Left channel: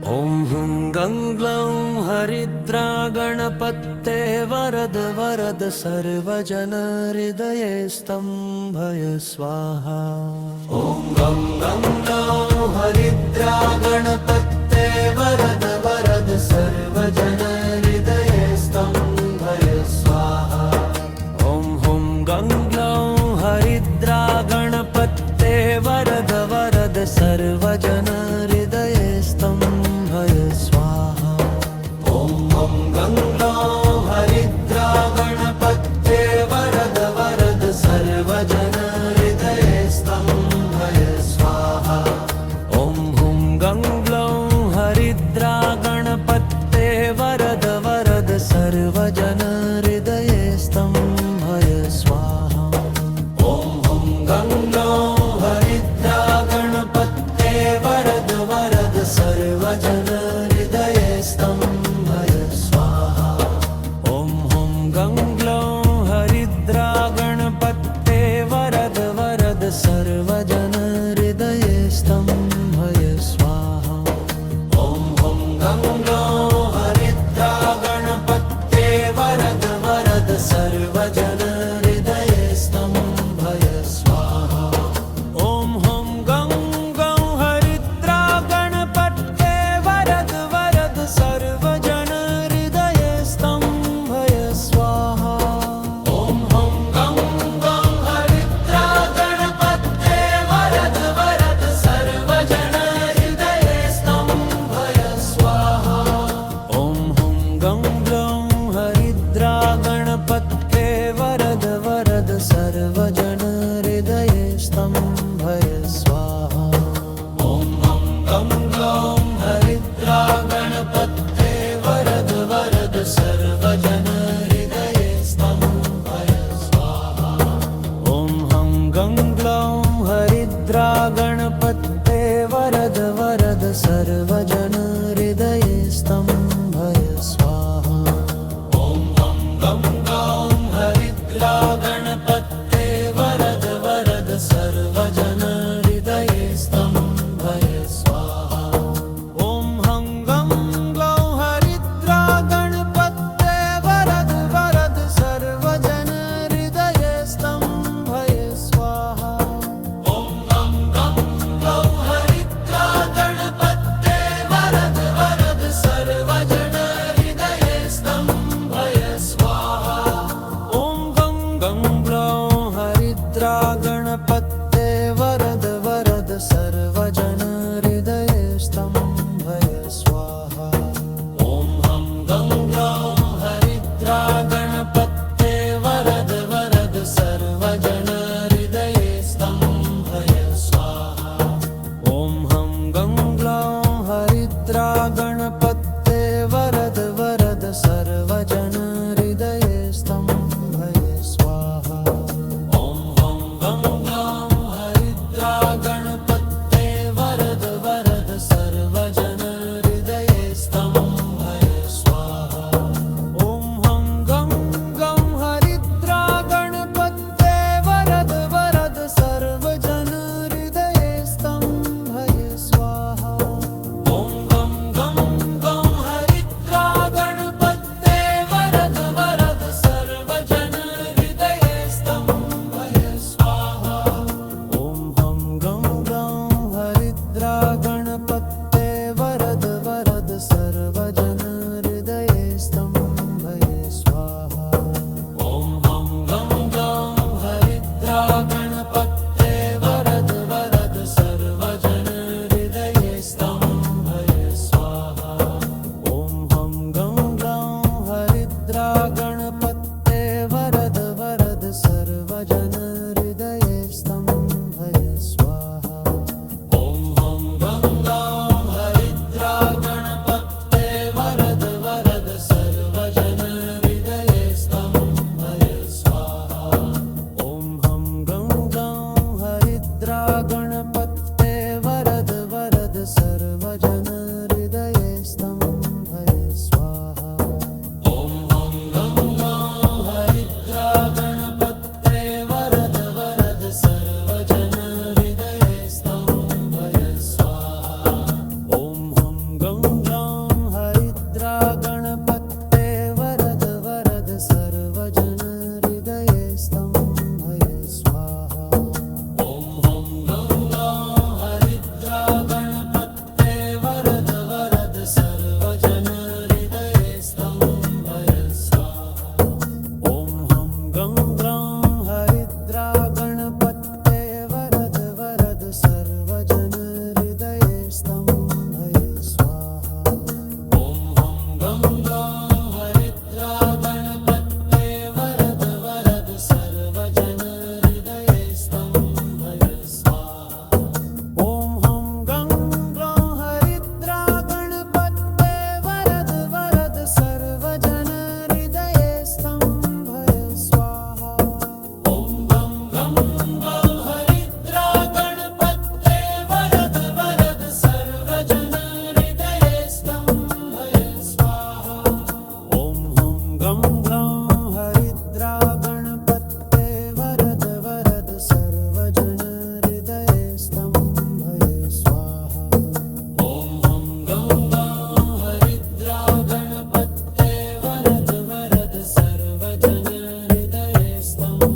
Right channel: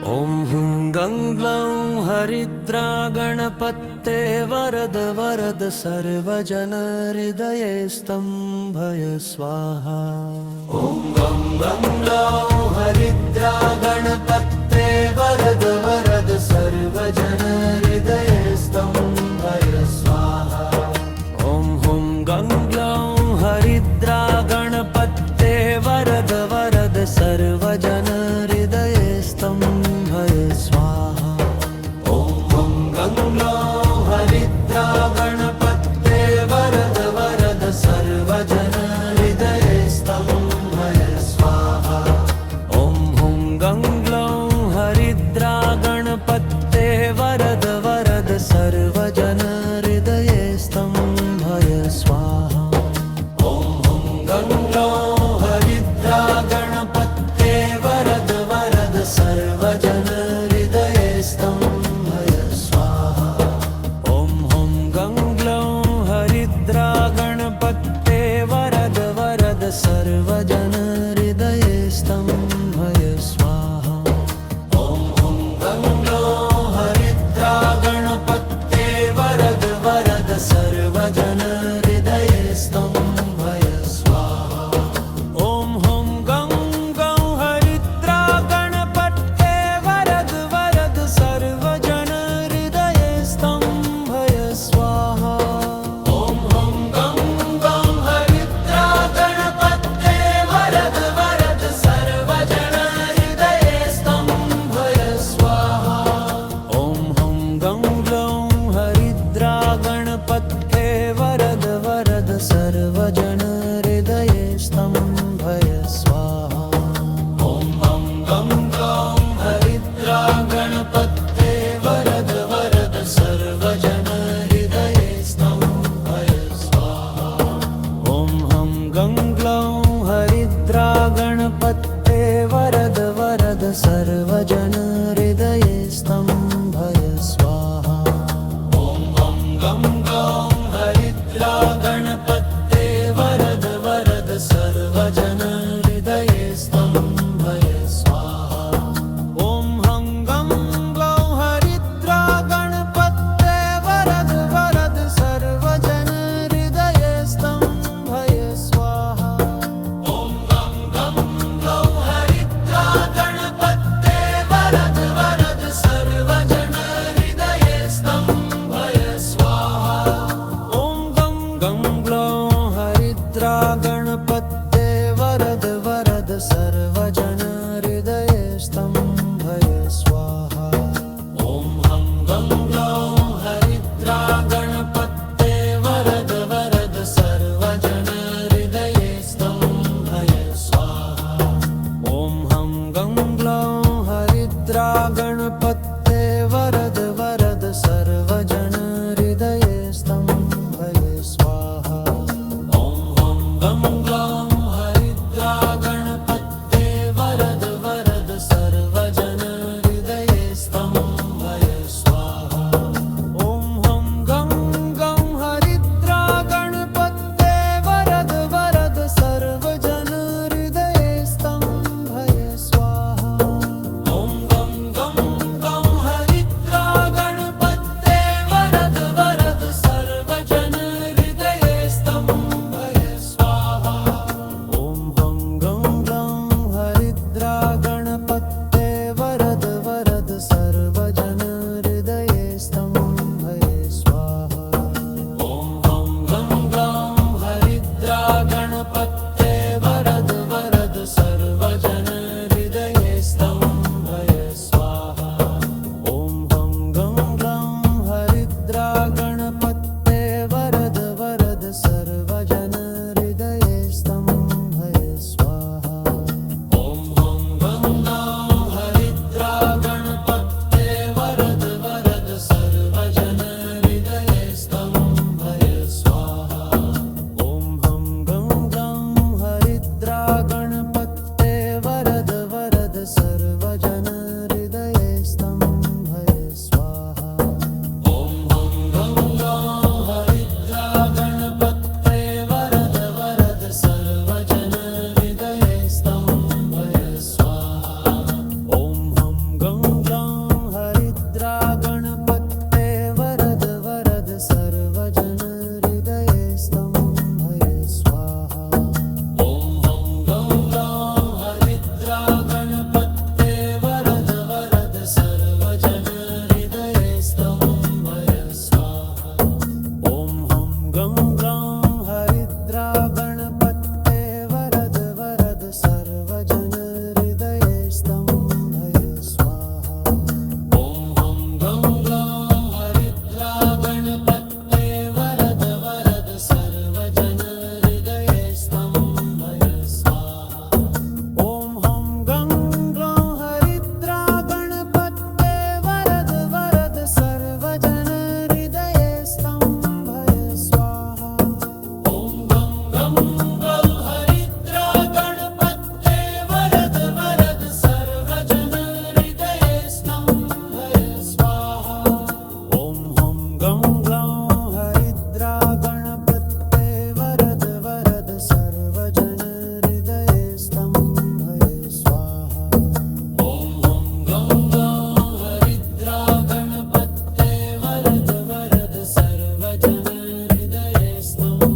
ॐ हुं गं ग्लौं हरिद्रा गणपते वरद वरद सर्वजनहृदये स्तम्भय स्वाहा। ॐ गं ग्लौं हरिद्रा गणपते वरद वरद सर्वजनहृदये स्तम्भय स्वाहा। ॐ हुं गं ग्लौं हरिद्रा गणपते वरद वरद सर्वजनहृदये स्तम्भय स्वाहा। ॐ हुं गं ग्लौं हरिद्रा गणपते वरद वरद सर्वजनहृदये स्तम्भय स्वाहा। ॐ हुं गं ग्लौं हरिद्रा गणपते वरद वरद सर्वजनहृदये स्तम्भय स्वाहा। ॐ हुं गं ग्लौं हरिद्रा गणपते वरद वरद सर्वजनहृदये स्तम्भय स्वाहा। ॐ हुं गं ग्लौं हरिद्रा गणपते वरद वरद सर्वजनहृदये स्तम्भय स्वाहा। ॐ हुं गं ग्लौं हरिद्रा गणपते वरद वरद सर्वजनहृदये स्तम्भय स्वाहा। ॐ हुं गं ग्लौं हरिद्रा गणपते वरद वरद सर्वजनहृदये स्तम्भय स्वाहा। ॐ हुं गं ग्लौं हरिद्रा गणपते वरद वरद सर्वजनहृदये स्तम्भय स्वाहा। ॐ हुं गं ग्लौं हरिद्रा गणपते वरद वरद सर्वजनहृदये स्तम्भय स्वाहा। ॐ हुं गं ग्लौं हरिद्रा गणपते वरद वरद सर्वजनहृदये स्तम्भय स्वाहा। ॐ हुं गं ग्लौं हरिद्रा गणपते वरद वरद सर्वजनहृदये स्तम्भय स्वाहा। ॐ हुं गं ग्लौं हरिद्रा गणपते वरद वरद सर्वजनहृदये स्तम्भय स्वाहा। ॐ हुं गं ग्लौं हरिद्रा गणपते वरद वरद सर्वजनहृदये स्तम्भय स्वाहा। ॐ गं ग्लौं हरिद्रा गणपते वरद वरद सर्वजनहृदये स्तम्भय स्वाहा। ॐ गं ग्लौं हरिद्रा गणपते वरद वरद सर्वजनहृदये स्तम्भय स्वाहा। ॐ हुं गं ग्लौं हरिद्रा गणपते वरद वरद सर्वजनहृदये स्तम्भय स्वाहा। ॐ हुं गं ग्लौं हरिद्रा गणपते वरद वरद सर्वजनहृदये स्तम्भय स्वाहा। ॐ हुं गं ग्लौं हरिद्रा गणपते वरद वरद सर्वजनहृदये स्तम्भय स्वाहा। ॐ हुं गं ग्लौं हरिद्रा गणपते वरद वरद सर्वजनहृदये स्तम्भय स्वाहा। ॐ गं ग्लौं हरिद्रा गणपते वरद वरद सर्वजनहृदये स्तम्भय स्वाहा। ॐ हुं गं ग्लौं हरिद्रा गणपते वरद वरद सर्वजनहृदये स्तम्भय स्वाहा। ॐ हुं गं ग्लौं हरिद्रा गणपते वरद वरद सर्वजनहृदये स्तम्भय स्वाहा। ॐ हुं गं ग्लौं हरिद्रा गणपते वरद वरद सर्वजनहृदये स्तम्भय स्वाहा। ॐ हुं गं ग्लौं हरिद्रा गणपते वरद वरद सर्वजनहृदये स्तम्भय स्वाहा। ॐ हुं गं ग्लौं हरिद्रा गणपते वरद वरद सर्वजनहृदये स्तम्भय स्वाहा। ॐ हुं गं ग्लौं हरिद्रा गणपते वरद वरद सर्वजनहृदये स्तम्भय स्वाहा। ॐ हुं गं सर्वजन हृदये स्तंभय स्वाहा ॐ हं गं ग्लौं हरिद्रा गणपते वरद वरद सर्वजन हृदये स्तंभय स्वाहा ॐ हं गं ग्लौं हरिद्रा गणपते वरद वरद सर्वजन हृदये स्तंभय स्वाहा ॐ गं गं गं हरिद्रा गणपते वरद वरद सर्वजन हृदये स्तंभय स्वाहा ॐ हं गं ग्लौं हरिद्रा गणपते वरद वरद सर्वजन हृदये स्तंभय स्वाहा ॐ हं गं ग्लौं हरिद्रा गणपते वरद वरद सर्वजन हृदये स्तंभय